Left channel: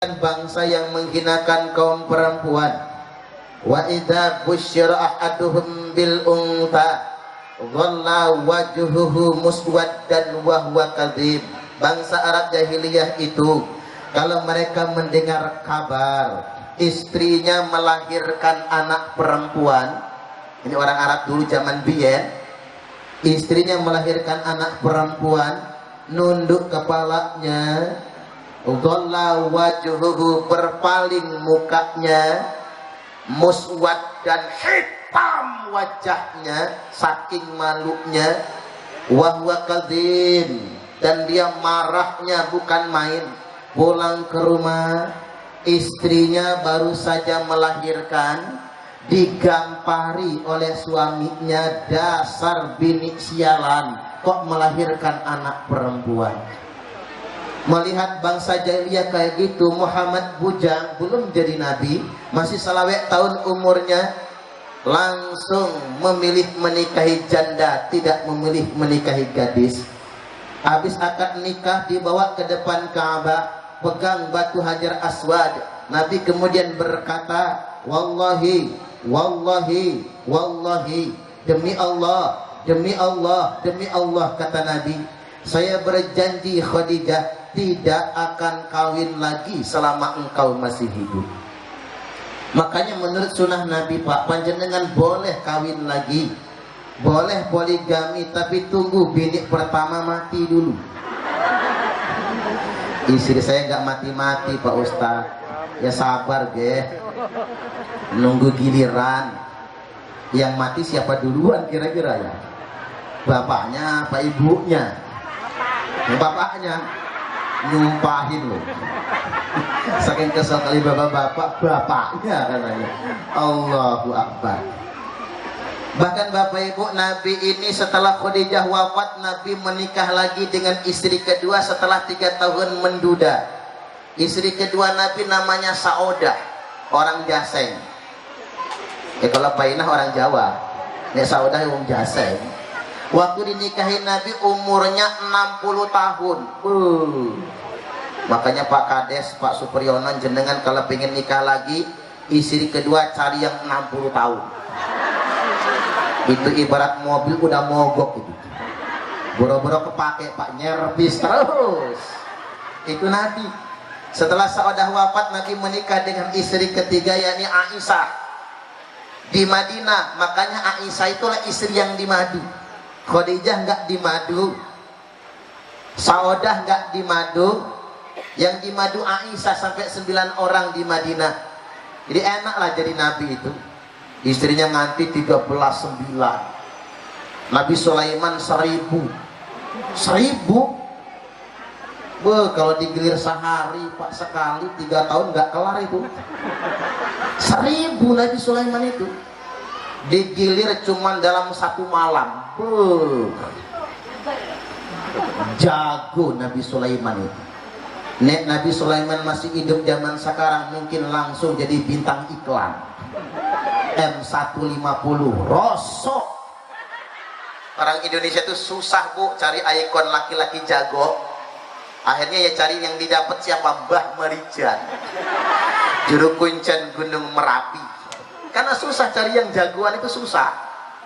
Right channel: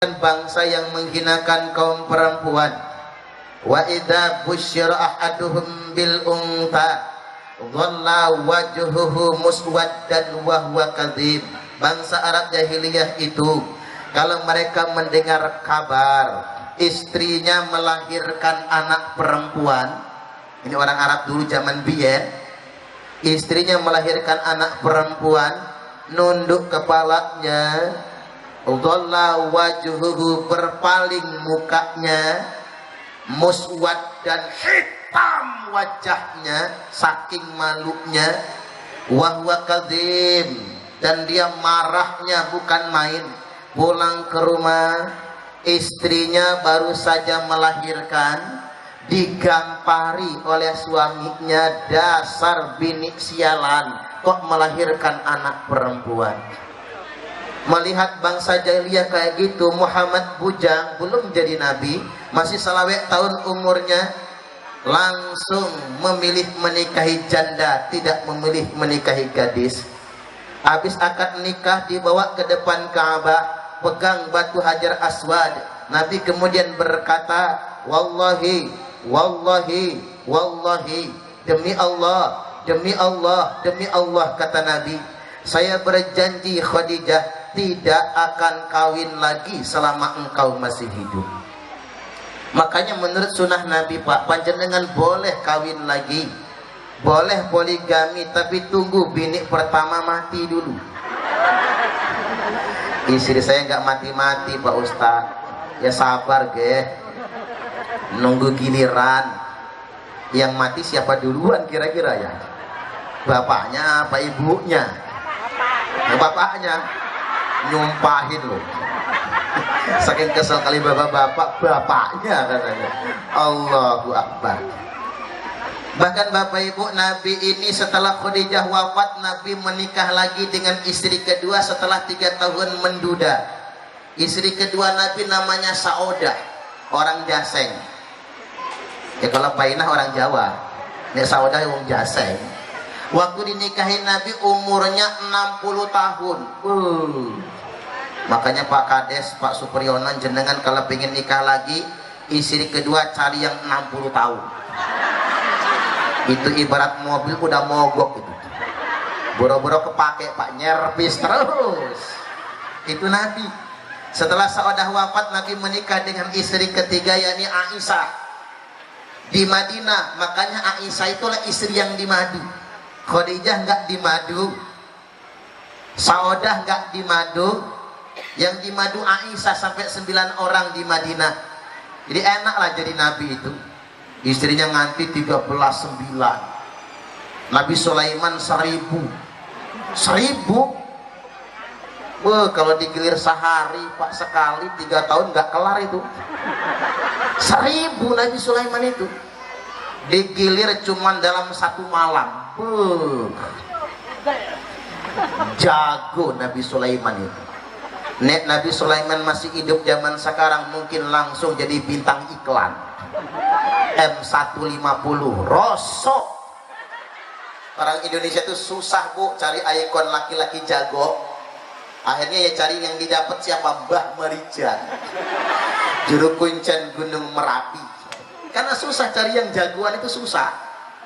bangsa yang menghinakan kaum perempuan. Wa idza busyira ahaduhum bil unta dhalla wajhuhu muswaddan wa huwa kadzib. Bangsa Arab jahiliyah itu kalau mereka mendengar kabar istrinya melahirkan anak perempuan, ini orang Arab dulu zaman biyen, istrinya melahirkan anak perempuan, nunduk kepalanya, dhalla wajhuhu, berpaling mukanya, muswad dan hitam wajahnya saking malunya, wa huwa kadzim, dan dia marahnya bukan main. Pulang ke rumah, istrinya baru saja melahirkan, digampari oleh suaminya, dasar bini sialan, kok melahirkan anak perempuan. Melihat bangsa jahiliyah kayak gitu, Muhammad bujang, belum jadi nabi, masih selawek tahun umurnya, langsung memilih menikahi janda, tidak memilih menikahi gadis. Habis akad nikah dibawa ke depan Ka'bah, pegang batu Hajar Aswad. Nabi kemudian berkata, wallahi, wallahi, wallahi, demi Allah, demi Allah, demi Allah, kata Nabi, saya berjanji Khadijah tidak akan kawin lagi selama engkau masih hidup. Makanya menurut sunnah Nabi, Pak, panjenengan boleh kawin lagi, boleh poligami, tapi tunggu bini pertama mati dulu. Istri saya nggak mati-mati Pak Ustadz, ya sabar ge, nunggu giliran. Yang mati siapa duluan kira-kira ya? Bapaknya apa ibunya? Bapaknya nyumpahin loh. Saking kesel kali bapak-bapak, bapaknya katanya. Allahu Akbar. Bahkan Bapak Ibu, Nabi ini setelah Khadijah wafat, Nabi menikah lagi dengan istri kedua setelah 3 tahun menduda. Istri kedua Nabi namanya Saudah, orang Jaseng. Ya kalau Painah orang Jawa, ya Saudah orang Jaseng. Waktu dinikahin Nabi umurnya 60 tahun. Makanya Pak Kades, Pak Supriyono, jenengan kalau pengen nikah lagi, istri kedua cari yang 60 tahun. Itu ibarat mobil udah mogok itu. Boro-boro kepake Pak, nyervis terus. Itu Nabi. Setelah Saudah wafat, Nabi menikah dengan istri ketiga, yakni Aisyah di Madinah. Makanya Aisyah itulah istri yang di madu. Khadijah nggak di madu, Saudah nggak di madu, yang di madu Aisyah sampai 9 orang di Madinah. Jadi enaklah jadi Nabi itu. Istrinya nganti 13,9. Nabi Sulaiman 1.000. Kalau digilir sehari Pak, sekali 3 tahun nggak kelar itu. 1.000 Nabi Sulaiman itu digilir cuman dalam 1 malam. Jago Nabi Sulaiman itu. Nek Nabi Sulaiman masih hidup zaman sekarang, mungkin langsung jadi bintang iklan M150 rosok. Orang Indonesia itu susah Bu cari ikon laki-laki jago. Akhirnya ya cari yang didapat siapa? Mbah Marijan, juru kuncen Gunung Merapi. Karena susah cari yang jagoan, itu susah.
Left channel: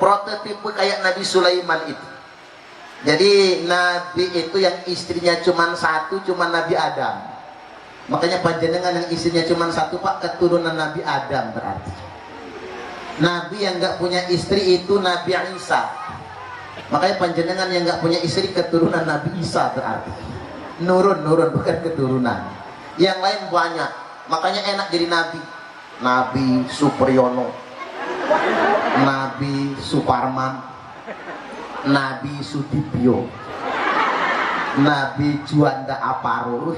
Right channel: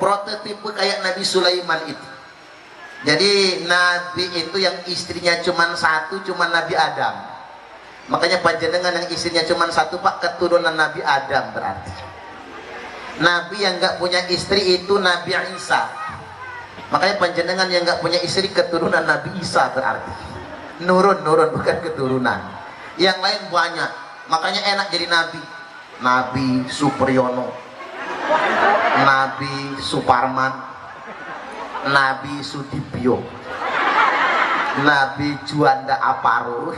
Prototipe kayak Nabi Sulaiman itu. Jadi Nabi itu yang istrinya cuma 1, cuma Nabi Adam. Makanya panjenengan yang istrinya cuma 1 Pak, keturunan Nabi Adam berarti. Nabi yang nggak punya istri itu Nabi Isa. Makanya panjenengan yang nggak punya istri keturunan Nabi Isa berarti. Nurun bukan keturunan. Yang lain banyak. Makanya enak jadi Nabi. Nabi Supriyono, Nabi Suparman, Nabi Sudibyo, Nabi Juanda Aparo.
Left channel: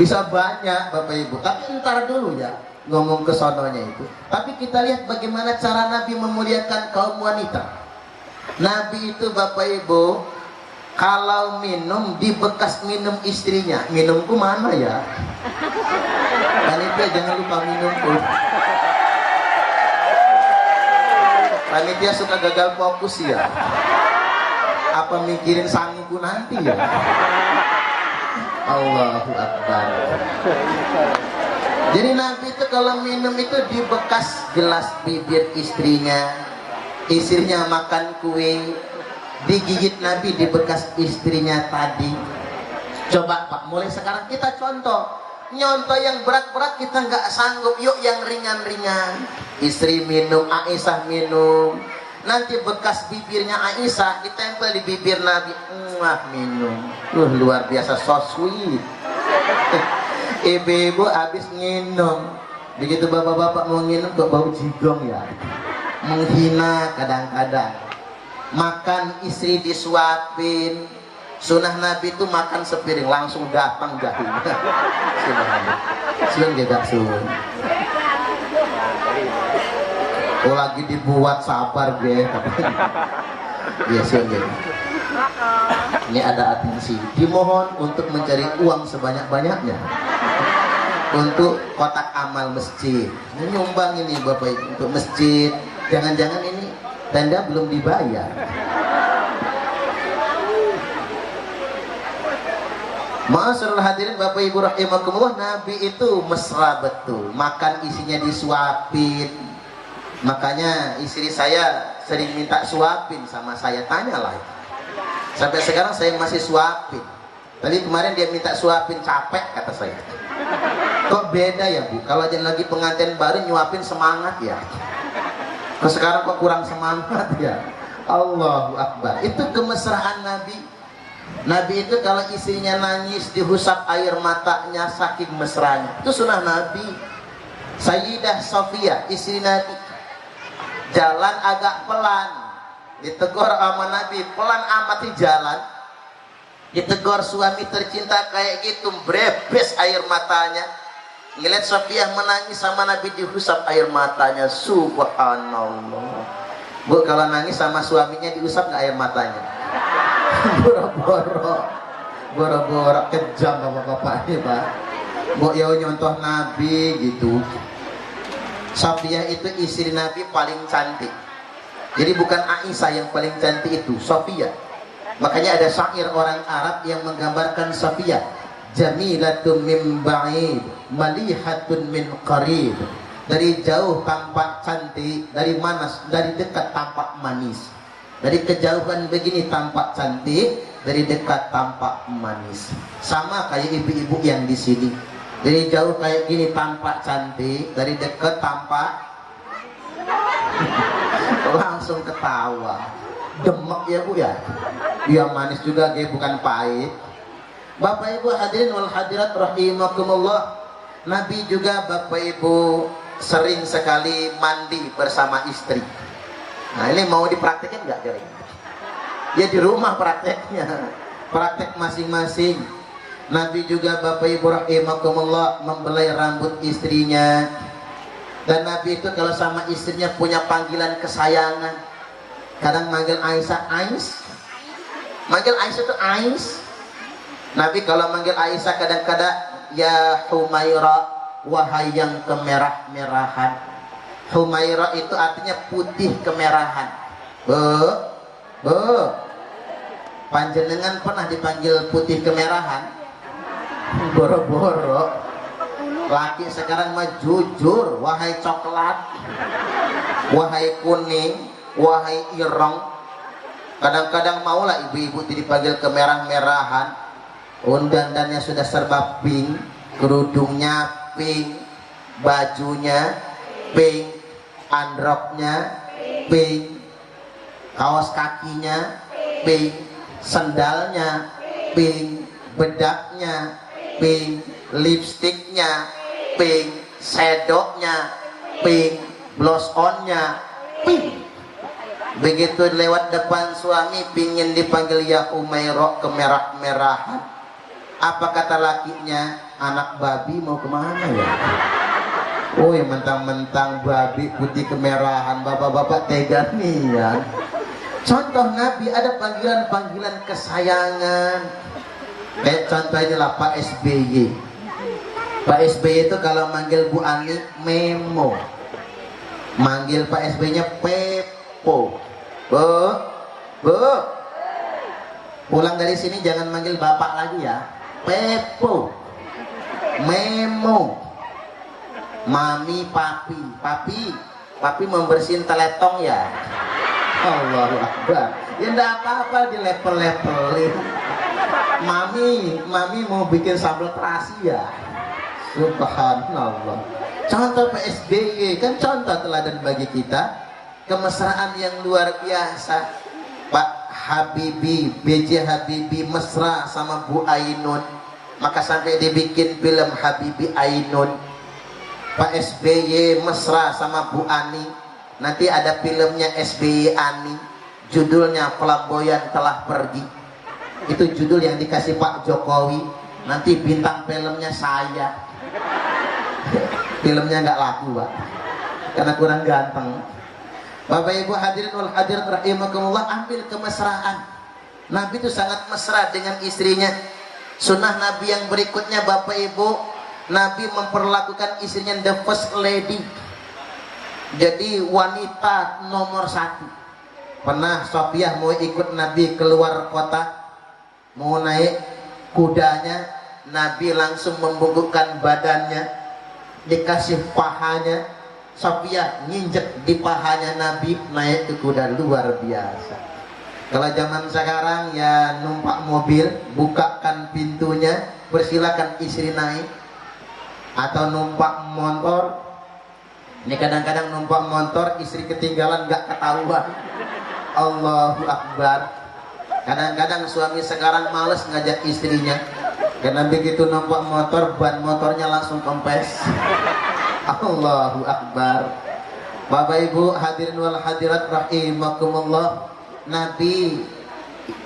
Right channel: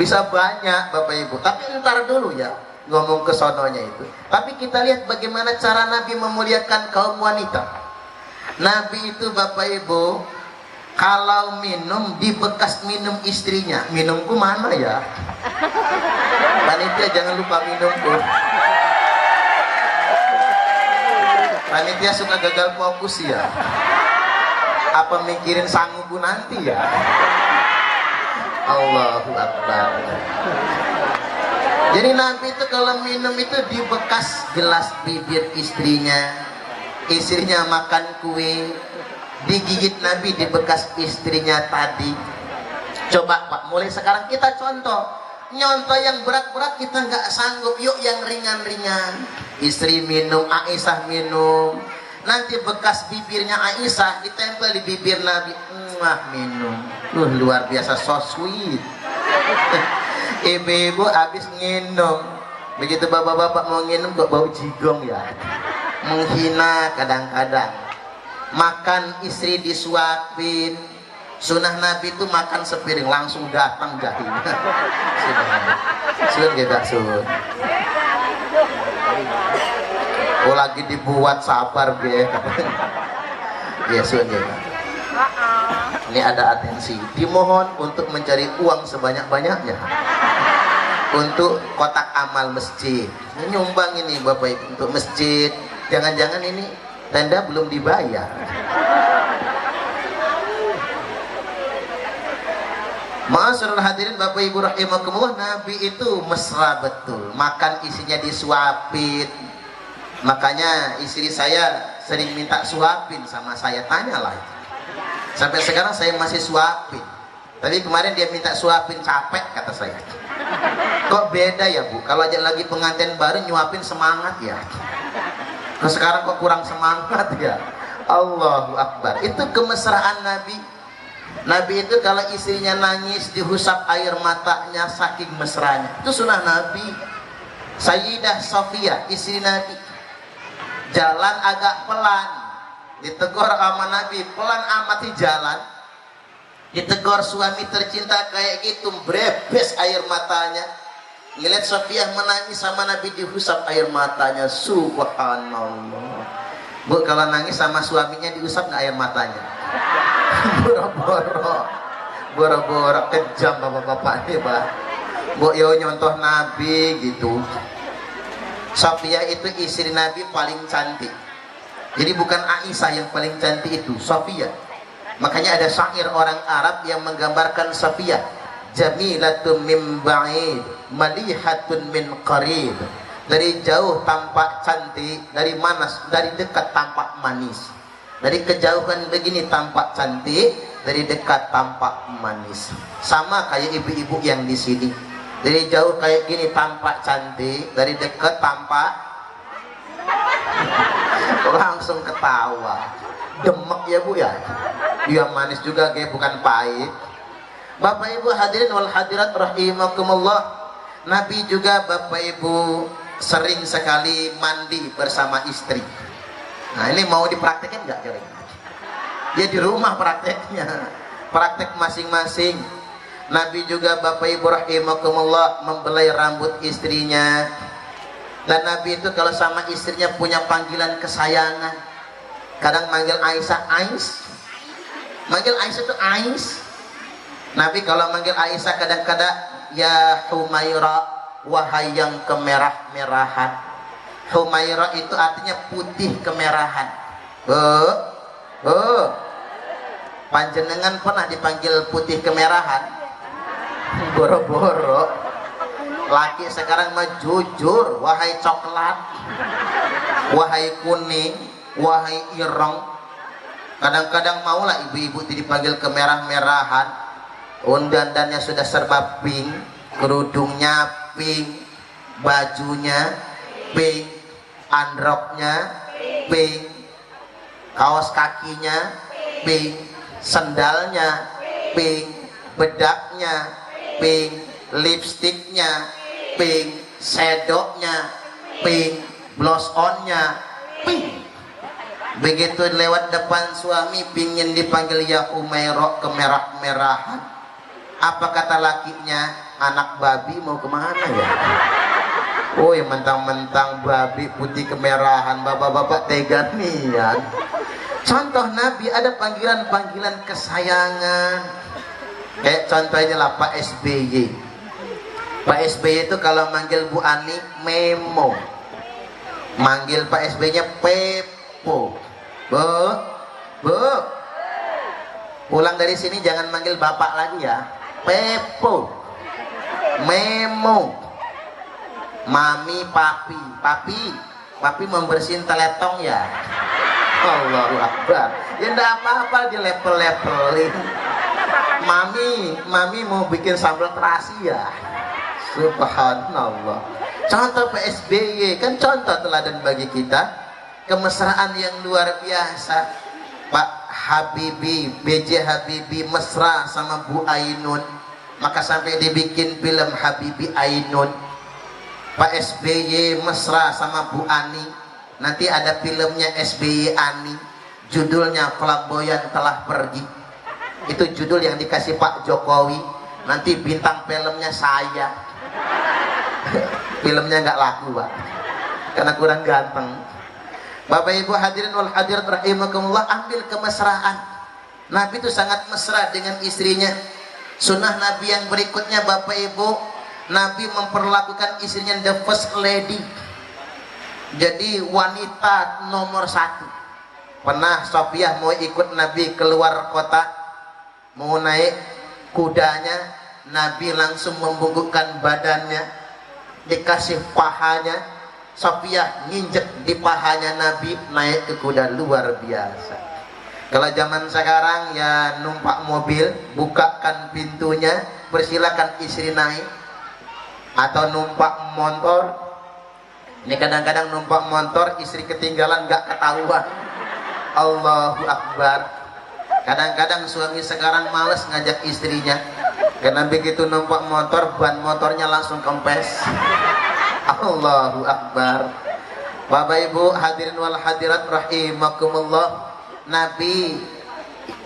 Bisa banyak Bapak Ibu. Tapi ntar dulu ya ngomong ke sononya itu. Tapi kita lihat bagaimana cara Nabi memuliakan kaum wanita. Nabi itu Bapak Ibu, kalau minum di bekas minum istrinya. Minumku mana ya? Panitia jangan lupa minumku. Panitia suka gagal fokus ya. Apa mikirin sanggupku nanti ya? Allahu Akbar. Jadi Nabi itu kalau minum itu di bekas gelas bibir istrinya. Istrinya makan kue, digigit Nabi di bekas istrinya tadi. Coba Pak, mulai sekarang kita contoh. Nyontoh yang berat-berat kita nggak sanggup, yuk yang ringan-ringan. Istri minum, Aisyah minum. Nanti bekas bibirnya Aisyah ditempel di bibir Nabi. Minum. Luar biasa, so sweet. Ibu-ibu habis nginum. Begitu bapak-bapak mau nginum kok bau jigong ya. Menghina kadang-kadang. Makan istri disuapin. Sunnah Nabi itu makan sepiring langsung datang jahinya. Sun juga sun. Oh lagi dibuat sabar be katanya. Ya sun juga. Ini ada atensi. Dimohon untuk mencari uang sebanyak-banyaknya untuk kotak amal masjid. Nyumbang ini Bapak Ibu untuk masjid. Jangan-jangan ini tenda belum dibayar. Ma'asyiral hadirin Bapak Ibu rahimakumullah, Nabi itu mesra betul. Makan isinya disuapin. Makanya istri saya sering minta suapin sama saya, tanyalah. Sampai sekarang saya masih suapin. Tadi kemarin dia minta suapin, capek kata saya. Kok beda ya Bu? Kalau aja lagi pengantin baru nyuapin semangat ya. Nah, sekarang kok kurang semangat ya. Allahu Akbar. Itu kemesraan Nabi. Nabi itu kalau istrinya nangis dihusap air matanya saking mesranya. Itu sunnah Nabi. Sayyidah Sofia istri Nabi jalan agak pelan, ditegur sama Nabi, pelan amati jalan. Ditegur suami tercinta kayak gitu, brebes air matanya. Ngeliat Sofia menangis sama Nabi dihusap air matanya. Subhanallah. Bu, kalau nangis sama suaminya diusap nggak air matanya? Boro-boro kejam bapak-bapak ini Pak. Bu, yo nyontoh Nabi gitu. Sofia itu istri Nabi paling cantik. Jadi bukan Aisyah yang paling cantik itu, Sofia. Makanya ada syair orang Arab yang menggambarkan Sofia. Jamilatun min ba'id, malihatun min qarib. Dari jauh tampak cantik, dari dekat tampak manis. Dari kejauhan begini tampak cantik, dari dekat tampak manis. Sama kayak ibu-ibu yang di sini. Dari jauh kayak gini tampak cantik, dari dekat tampak langsung ketawa. Demek ya Bu ya. Dia manis juga kayak bukan pahit. Bapak Ibu hadirin wal hadirat rahimakumullah. Nabi juga Bapak Ibu sering sekali mandi bersama istri. Nah ini mau dipraktekin nggak kira-kira? Ya di rumah prakteknya, praktek masing-masing. Nabi juga Bapak Ibu rahimakumullah membelai rambut istrinya. Dan Nabi itu kalau sama istrinya punya panggilan kesayangan. Kadang manggil Aisyah Ais, manggil Aisyah itu Ais. Nabi kalau manggil Aisyah kadang-kadang ya Humaira, wahai yang kemerah-merahan. Humaira itu artinya putih kemerahan. Panjenengan pernah dipanggil putih kemerahan? Boro-boro. Laki sekarang mah jujur, wahai coklat, wahai kuning, wahai ireng. Kadang-kadang maulah ibu-ibu dipanggil kemerah-merahan. Dandannya sudah serba pink, kerudungnya pink, bajunya pink, androknya pink, kaos kakinya pink, sendalnya pink, bedaknya pink, lipstiknya pink, shadownya pink, blush onnya pink. Begitu lewat depan suami pingin dipanggil ya Umairah, kemerah-merahan. Apa kata lakinya? Anak babi mau kemana ya? Oh ya mentang-mentang babi putih kemerahan, bapak-bapak tega nih ya. Contoh Nabi ada panggilan-panggilan kesayangan. Contohnya lah Pak SBY. Pak SBY itu kalau manggil Bu Ani Memo, manggil Pak SBY-nya Pepo. Bu, pulang dari sini jangan manggil bapak lagi ya. Pepo, Memo, Mami, Papi membersihin teletong ya. Allahu Akbar. Ya enggak apa-apa dilepel-lepelin. Mami mau bikin sambal terasi ya. Subhanallah. Contoh PSBY kan contoh teladan bagi kita, kemesraan yang luar biasa. Pak Habibie, BJ Habibie mesra sama Bu Ainun, maka sampai dibikin film Habibie Ainun. Pak SBY mesra sama Bu Ani, nanti ada filmnya SBY Ani, judulnya Flamboyan Telah Pergi. Itu judul yang dikasih Pak Jokowi, nanti bintang filmnya saya. Filmnya nggak laku Pak, karena kurang ganteng. Bapak Ibu hadirin wal hadirat rahimakumullah, ambil kemesraan. Nabi itu sangat mesra dengan istrinya. Sunnah Nabi yang berikutnya Bapak Ibu, Nabi memperlakukan istrinya the first lady, jadi wanita nomor satu. Pernah Sofiah mau ikut Nabi keluar kota, mau naik kudanya, Nabi langsung membungkukkan badannya, dikasih pahanya. Sofiah nginjek di pahanya Nabi, naik ke kuda, luar biasa. Kalau zaman sekarang ya numpak mobil, bukakan pintunya, persilakan istri naik. Atau numpak motor, ini kadang-kadang numpak motor istri ketinggalan gak ketahuan. Allahu Akbar. Kadang-kadang suami sekarang males ngajak istrinya, karena begitu numpak motor, ban motornya langsung kempes. Allahu Akbar. Bapak Ibu hadirin wal hadirat rahimakumullah, Nabi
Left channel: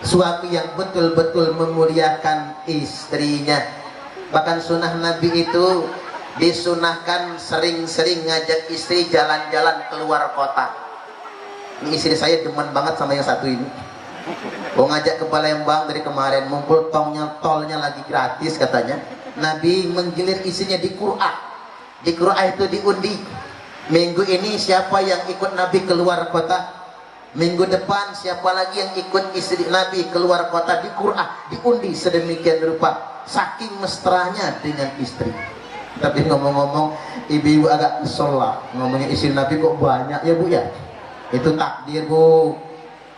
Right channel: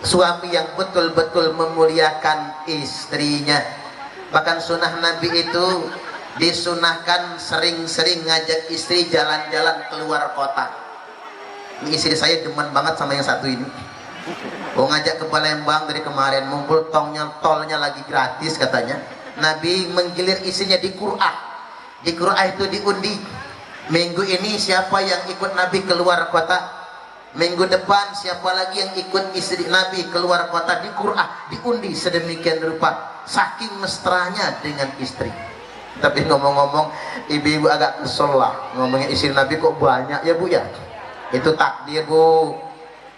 suami yang betul-betul memuliakan istrinya. Bahkan sunnah Nabi itu disunahkan sering-sering ngajak istri jalan-jalan keluar kota. Ini istri saya demen banget sama yang satu ini. Mau ngajak ke Palembang dari kemarin, mumpul tolnya lagi gratis katanya. Nabi menggilir istrinya di Qur'an. Di Qur'an itu diundi. Minggu ini siapa yang ikut Nabi keluar kota, minggu depan siapa lagi yang ikut istri Nabi keluar kota, di Qur'an diundi sedemikian rupa. Saking mesranya dengan istri. Tapi ngomong-ngomong, ibu-ibu agak kesel lah ngomongin istri Nabi kok banyak ya Bu ya. Itu takdir Bu.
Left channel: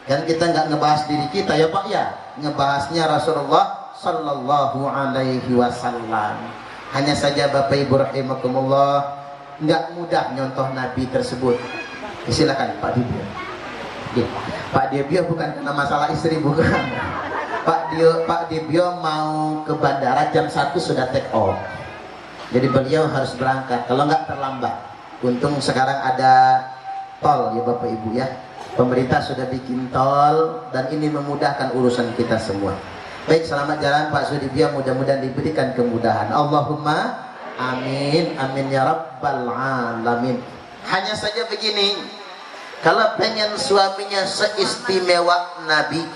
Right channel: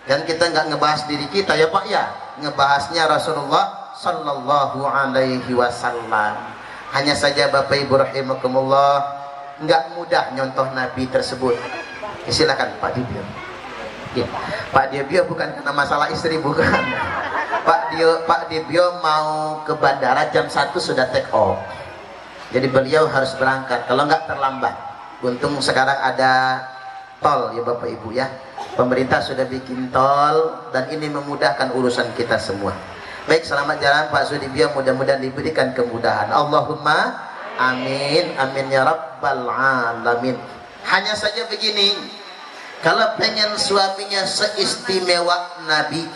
Dan kita nggak ngebahas diri kita ya Pak ya, ngebahasnya Rasulullah Sallallahu Alaihi Wasallam. Hanya saja Bapak Ibu rahimakumullah, nggak mudah nyontoh Nabi tersebut. Silakan Pak Dibio. Ya, Pak Dibio bukan karena masalah istri, bukan. Pak Dibio mau ke bandara jam 1 sudah take off. Jadi beliau harus berangkat, kalau nggak terlambat. Untung sekarang ada tol ya Bapak Ibu ya. Pemerintah sudah bikin tol dan ini memudahkan urusan kita semua. Baik, selamat jalan Pak Sudibyo, mudah-mudahan diberikan kemudahan. Allahumma amin, amin ya rabbal alamin. Hanya saja begini, kalau pengen suaminya seistimewa Nabi,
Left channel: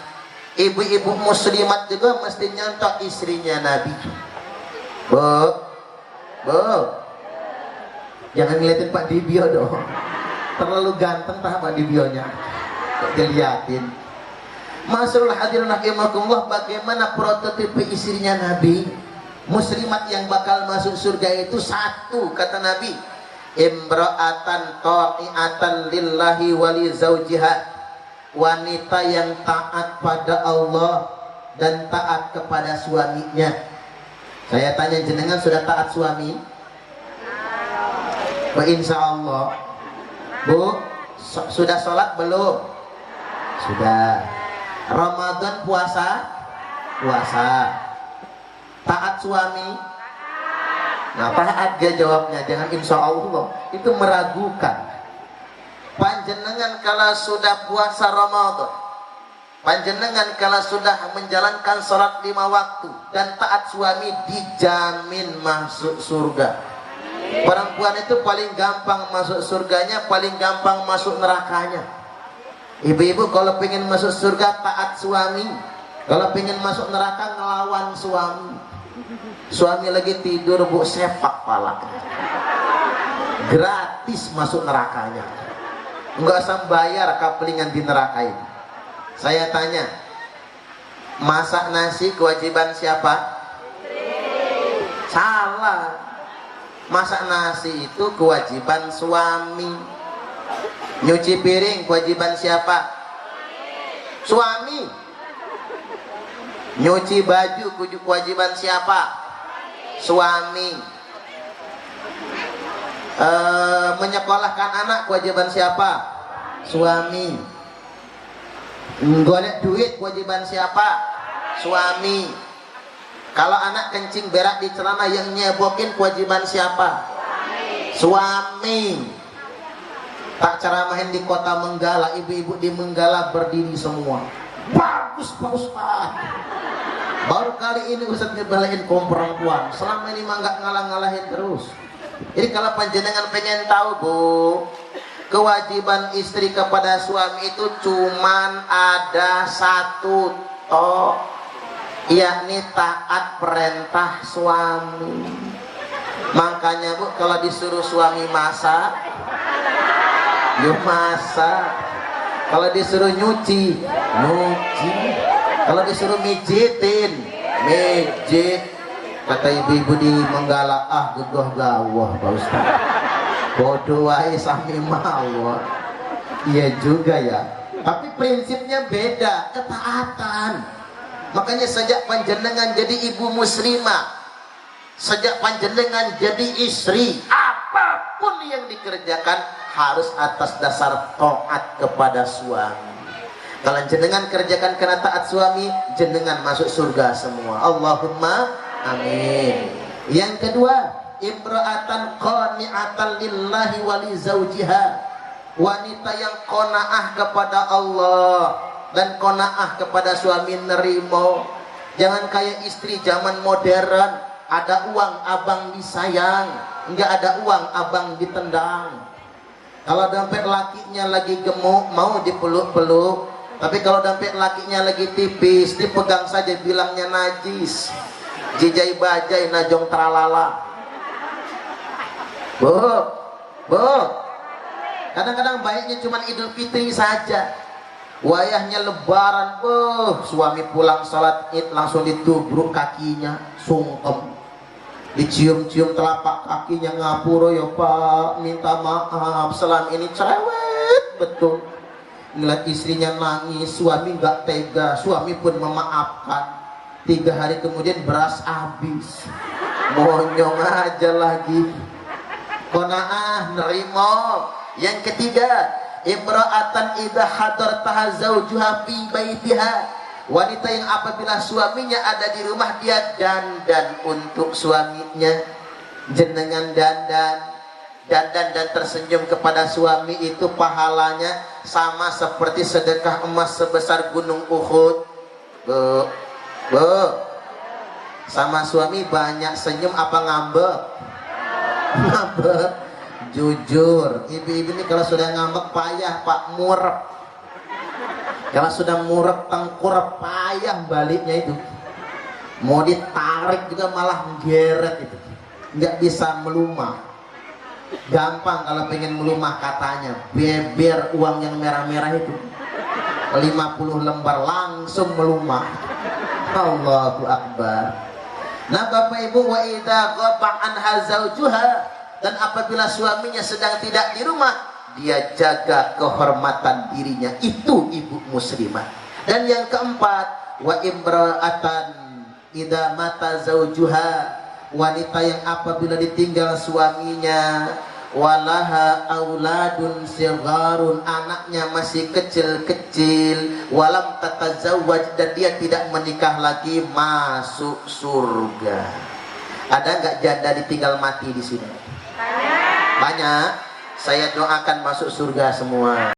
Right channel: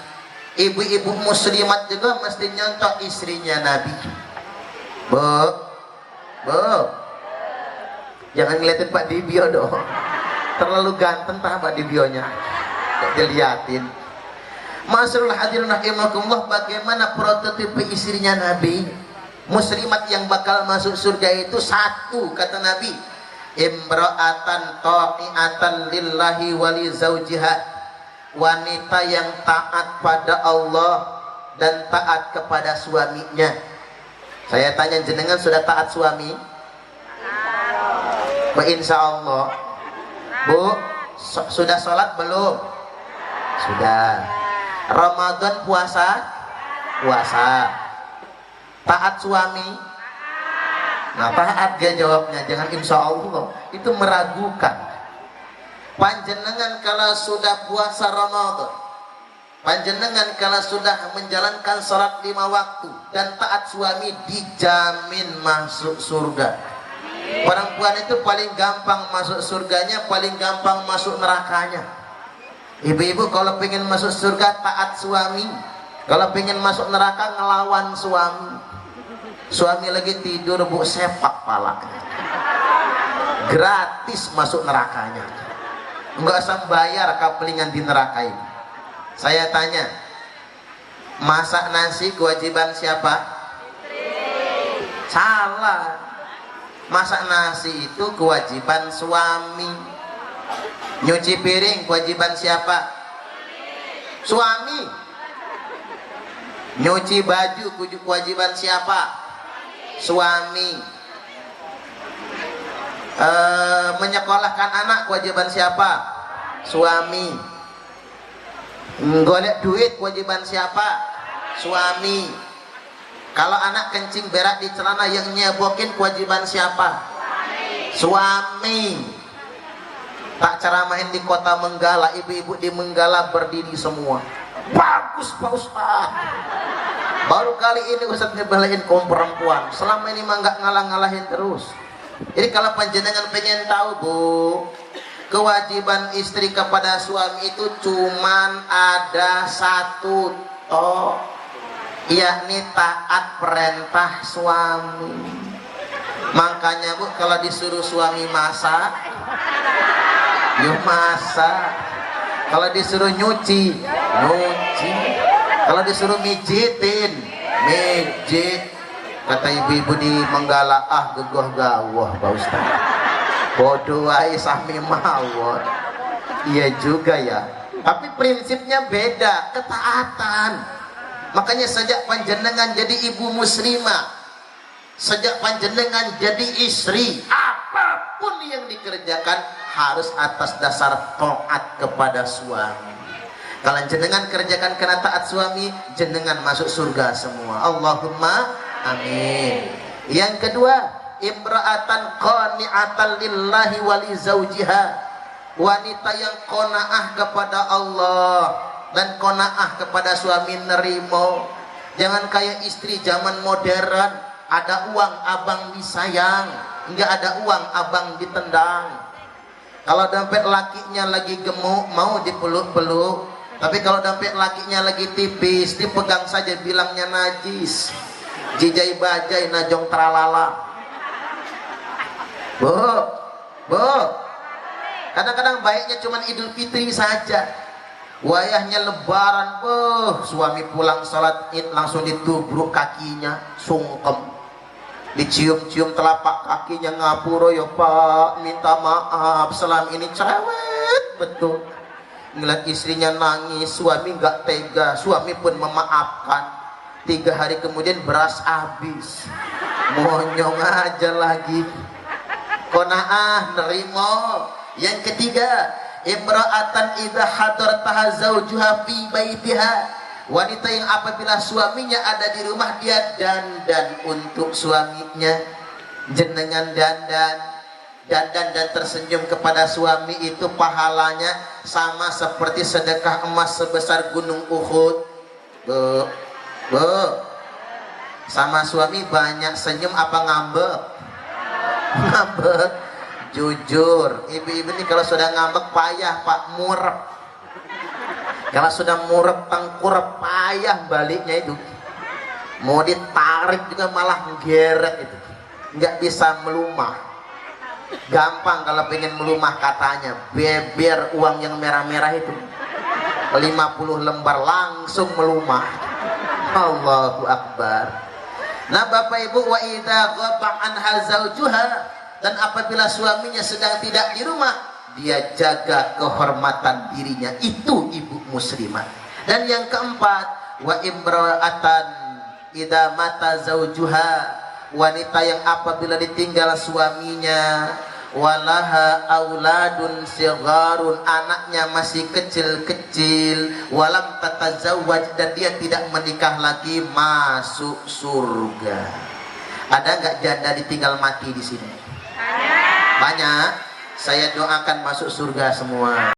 ibu-ibu muslimat juga mesti nyontoh istrinya Nabi. Bu, jangan ngeliatin Pak Dibyo dong, terlalu ganteng Pak Dibyonya, kok diliatin. Masyaallah hadirin rahimakumullah, bagaimana prototipe istrinya Nabi? Muslimat yang bakal masuk surga itu satu, kata Nabi, imra'atan ta'iatan lillahi wali zawjiha, wanita yang taat pada Allah dan taat kepada suaminya. Saya tanya, jenengan sudah taat suami? Insya Allah. Bu, sudah sholat belum? Sudah. Ramadan puasa? Puasa. Taat suami? Nah, taat dia jawabnya, jangan insya Allah, itu meragukan. Panjenengan kalau sudah puasa Ramadan, panjenengan kalau sudah menjalankan sholat 5 waktu dan taat suami, dijamin masuk surga. Perempuan itu paling gampang masuk surganya, paling gampang masuk nerakanya. Ibu-ibu kalau pengen masuk surga taat suami, kalau pengen masuk neraka ngelawan suami. Suami lagi tidur Bu, sepak pala, gratis masuk nerakanya, nggak usah bayar kapelingan di neraka itu. Saya tanya, masak nasi kewajiban siapa? Salah. Masak nasi itu kewajiban suami. Nyuci piring kewajiban siapa? Suami. Nyuci baju kewajiban siapa? Suami. Menyekolahkan anak kewajiban siapa? Suami. Golek duit kewajiban siapa? Suami. Kalau anak kencing berak di celana yang nyebokin kewajiban siapa? Suami. Tak ceramahin di kota Menggala, ibu-ibu di Menggala berdiri semua. Bagus Pak Ustaz. Baru kali ini Ustaz ngebelain kaum perempuan. Selama ini mah nggak ngalah-ngalahin terus. Jadi kalau panjenengan pengen tahu Bu, kewajiban istri kepada suami itu cuman ada satu toh, yakni taat perintah suami. Makanya Bu, kalau disuruh suami masak, yuk masak. Kalau disuruh nyuci, nyuci. Kalau disuruh mijitin, mijit. Kata ibu-ibu di Menggala, ah gegoh gawah Pak Ustaz. Bodoh wae sami mawon. Iya juga ya. Tapi prinsipnya beda, ketaatan. Makanya sejak panjenengan jadi ibu muslimah, sejak panjenengan jadi istri, apapun yang dikerjakan harus atas dasar taat kepada suami. Kalau jenengan kerjakan karena taat suami, jenengan masuk surga semua. Allahumma amin. Yang kedua, imra'atan qani'atan lillahi wa li zawjiha. Wanita yang qanaah kepada Allah dan qanaah kepada suami, nerimo. Jangan kayak istri zaman modern, ada uang abang disayang, enggak ada uang abang ditendang. Kalau dompet lakinya lagi gemuk mau dipeluk-peluk, tapi kalau dompet lakinya lagi tipis dipegang saja bilangnya najis. Jijai bajai najong tralala. Bu, kadang-kadang baiknya cuma Idul Fitri saja. Wayahnya lebaran, suami pulang salat Id langsung ditubruk kakinya, sungkem. Dicium-cium telapak kakinya, ngapura ya Pak, minta maaf, selama ini cerewet betul. Ngeliat istrinya nangis, suami nggak tega, suami pun memaafkan. 3 hari kemudian beras habis, monyong aja lagi. Qanaah, nerimo. Yang ketiga, imra'atan idza hadartaha zawjuha fi baitiha. Wanita yang apabila suaminya ada di rumah, dia dandan untuk suaminya. Jenengan dandan dan tersenyum kepada suami, itu pahalanya sama seperti sedekah emas sebesar gunung Uhud. Bu, sama suami banyak senyum apa ngambek? Ngambek. Jujur, ibu-ibu ini kalau sudah ngambek payah Pak, murep. Kalau sudah murep tengkurap payah baliknya itu. Mau ditarik juga malah menggeret itu. Nggak bisa melumah. Gampang kalau pengen melumah katanya, beber uang yang merah-merah itu 50 lembar langsung melumah. Allahu Akbar. Nah Bapak Ibu, wa idza ghaba anha zawjuha, dan apabila suaminya sedang tidak di rumah, dia jaga kehormatan dirinya. Itu ibu muslimah. Dan yang keempat, wa imra'atan idza mata zawjuha, wanita yang apabila ditinggal suaminya, walaha auladun sigharun, anaknya masih kecil-kecil, walam tatazawwaj, dan dia tidak menikah lagi, masuk surga. Ada nggak janda ditinggal mati di sini? Banyak. Saya doakan masuk surga semua.